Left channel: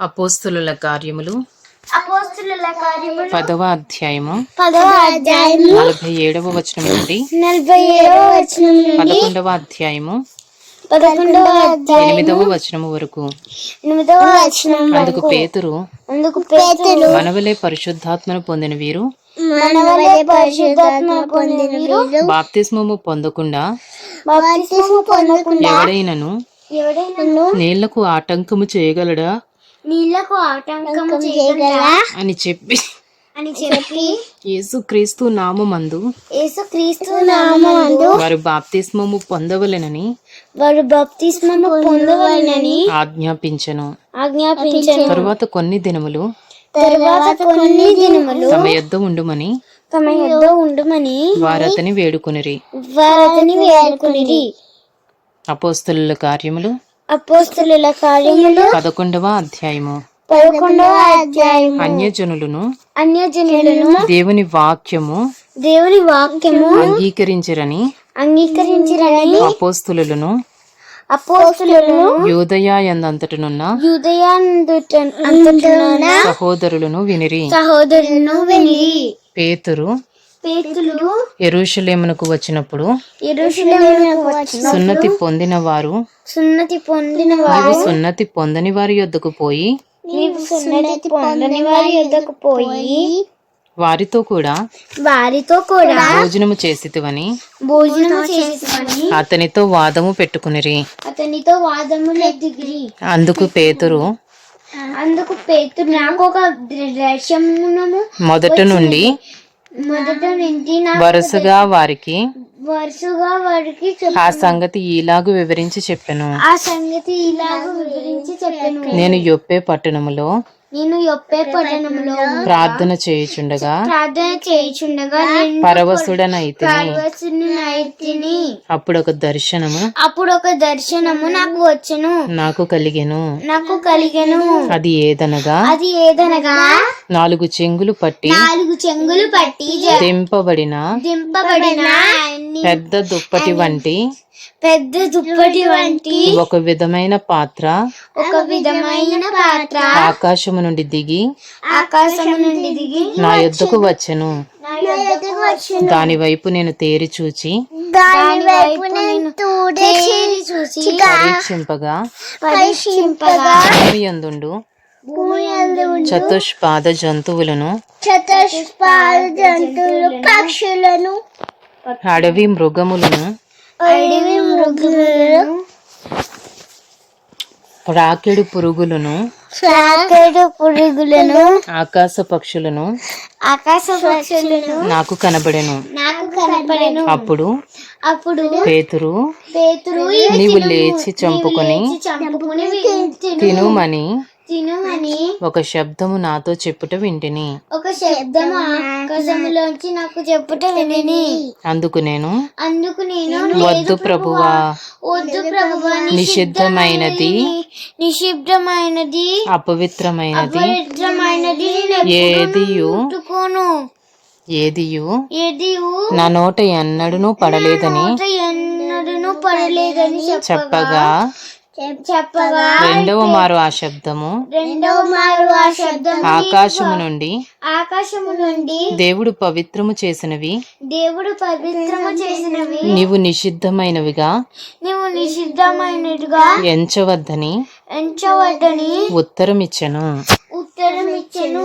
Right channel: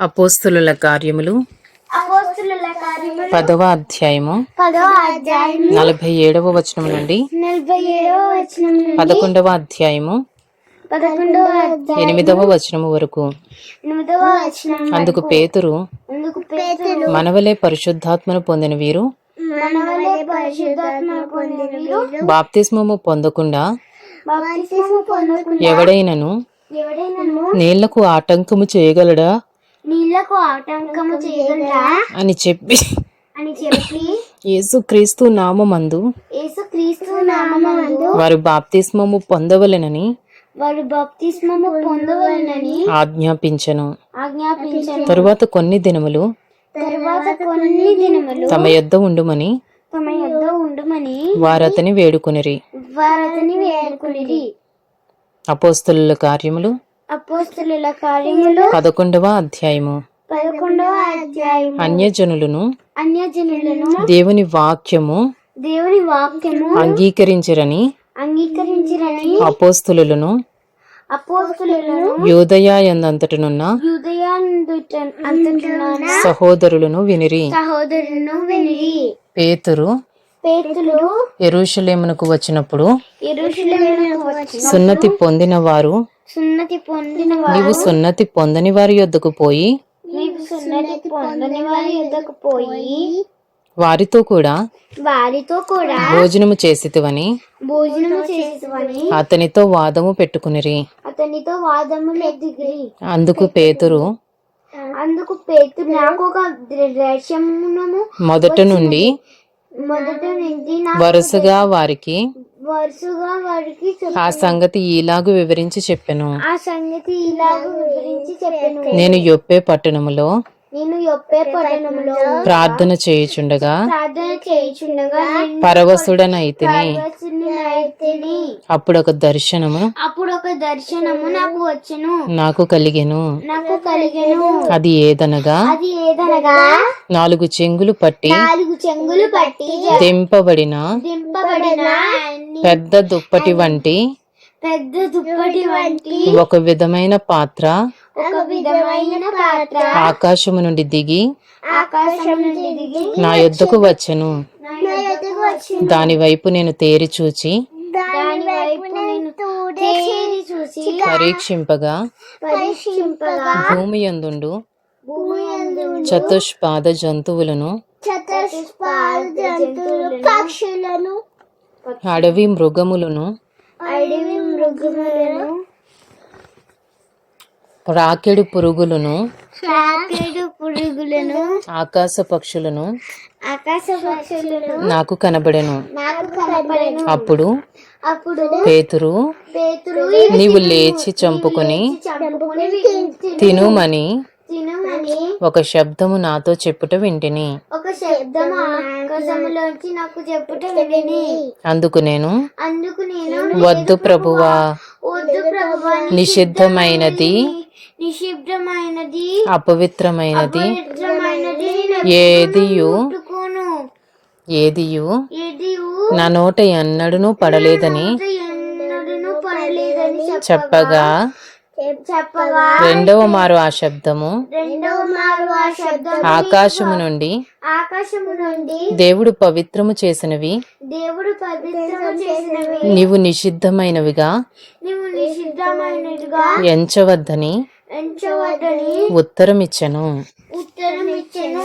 అపోస్తుల కార్యములు. పదవ అధ్యాయము. నలభై ఏడవ వచనం నుండి. పదకొండవ అధ్యాయము. ఎనిమిదవ వచనము వరకు. అందుకు పేతురు మనవలే పరిశుద్ధాత్మను పొందిన వీరు. బాప్తిస్మము పొందకుండా ఎవడైనను నీళ్ళకు ఆటంకము చేయగలడా? నీళ్ళకు ఆటంకము చేయగలరా అని చెప్పి అని చెప్పి యేసుక్రీస్తు నామమందు యేసుక్రీస్తు నామమందు వారు బాప్తిస్మము పొందవలెనని వారు బాప్తిస్మము పొందవలనని ఆజ్ఞాపించను. ఆజ్ఞాపించను. తరువాత కొన్ని దినములు తరువాత కొన్ని దినములు తమ యొద్ద ఉండుమని తమ యుద్ధ ఉండుమని వారతని వేడుకొనిరి. వారతని వేడుకునిరి. అపోస్తలుల కార్యములు అపోస్తలుల కార్యములు పదకొండవ అధ్యాయము. పదకొండవ అధ్యాయం అన్యజనులను అన్యజనులను దేవుని వాక్యము దేవుని వాక్యము అంగీకరించరని అంగీకరించిరని అపోస్తులను అపోస్తులను యోదయాయందంతటనున్న యూదయాందున సహోదరులను వినిరి. సహోదరులను విని పేతురు ఎరుషలేమునకు వచ్చినప్పుడు సున్నతి పొందిన వారు సున్నతి పొందిన వారు నీవు సున్నతి పొందని వారి యొద్దకు పోయి నీవు సున్నతి పొందని వారి యొద్దకు పోయి వారితో కూడా వారితో కూడా భోజనము చేసితివని భోజనం చేసుకొని అతనితో వాదము పెట్టుకునిరి. అతనితో దిగిరి అందుకు పేతురు అందుకు పేతురు నాకు ఒక దర్శనము మొదట నుండి వరుసగా వారికి వరుసగా వారికి ఆ సంగతి ఈలాగు వివరించి చెప్పెను. ఆ సంగతి ఇలాగ వివరించి చెప్పాను. నేను యొప్పే పట్టణములో నేను యొప్పే పట్టణంలో ప్రార్థన చేయుచుండగా ప్రార్థన చేయుచుండగా పరవశుడనైతిని. అప్పుడు ఒక దర్శనము అప్పుడు ఒక దర్శనము నాకు వచ్చెను. నాకు కలిగెను. నాకు కలిగెను. అది ఏదనగా? అది ఏదనగా? నాలుగు చెంగులు పట్టి చెంగులు పట్టి దింపబడిన దింపబడిన పెద్ద దుప్పటి వంటి పెద్ద దుప్పటి వంటి ఒక విధమైన పాత్ర ఒక విధమైన పాత్ర ఆకాశము నుండి దిగి ఆకాశం నుండి దిగి నా యొద్దకు వచ్చెను. నా యొద్దకు వచ్చి దాని వైపు నేను తేరి చూచి దాని వైపు నేను తేరి చూసి పరీక్షింపగా పరీక్షింపగా భూమి యందు చతుష్పాద జంతువులను జంతువులు పక్షులను అడవి మృగములను అడవి మృగములను రాకెడు పురుగులను సాకెడు పురుగులను ఆకాశ పక్షులను ఆకాశ పక్షులను నాకు కనబడెను. నాకు కనపడెను అప్పుడు అప్పుడు పేతురు పేతురు నీవు లేచి చంపుకుని తినుమని తినుమని ఒక శబ్దము నాతో చెప్పుట వింటిని. ఒక శబ్దం ఆకాశంలోంచి నాకు చెప్పుట విని అందుకు నేను అందుకు నేను వద్దు ప్రభువా. వద్దు ప్రభువా. నిషిద్ధమైనది. నిషిద్ధమైనది. అపవిత్రమైనది. పవిత్రమైనది ఏదియు? ఏదియు? ఏది నా నోట ఎన్నడూనూ పడలేదని ఎన్నడూను పడలేదని చెప్పగా చెప్పగా రెండవ మారు ఆ శబ్దము. రెండవ మారు ఆ శబ్దం ఆకాశము నుండి ఆకాశము నుండి దేవుడు పవిత్రము చేసినవి. దేవుడు పవిత్రము చేసినవి. నీవు నిషిద్ధమైనవిగా నీవు నిషిద్ధమైనదిగా ఎంచవద్దని ఎంచవద్దని ఉత్తరమిచ్చెను. ఉత్తరం ఇచ్చెను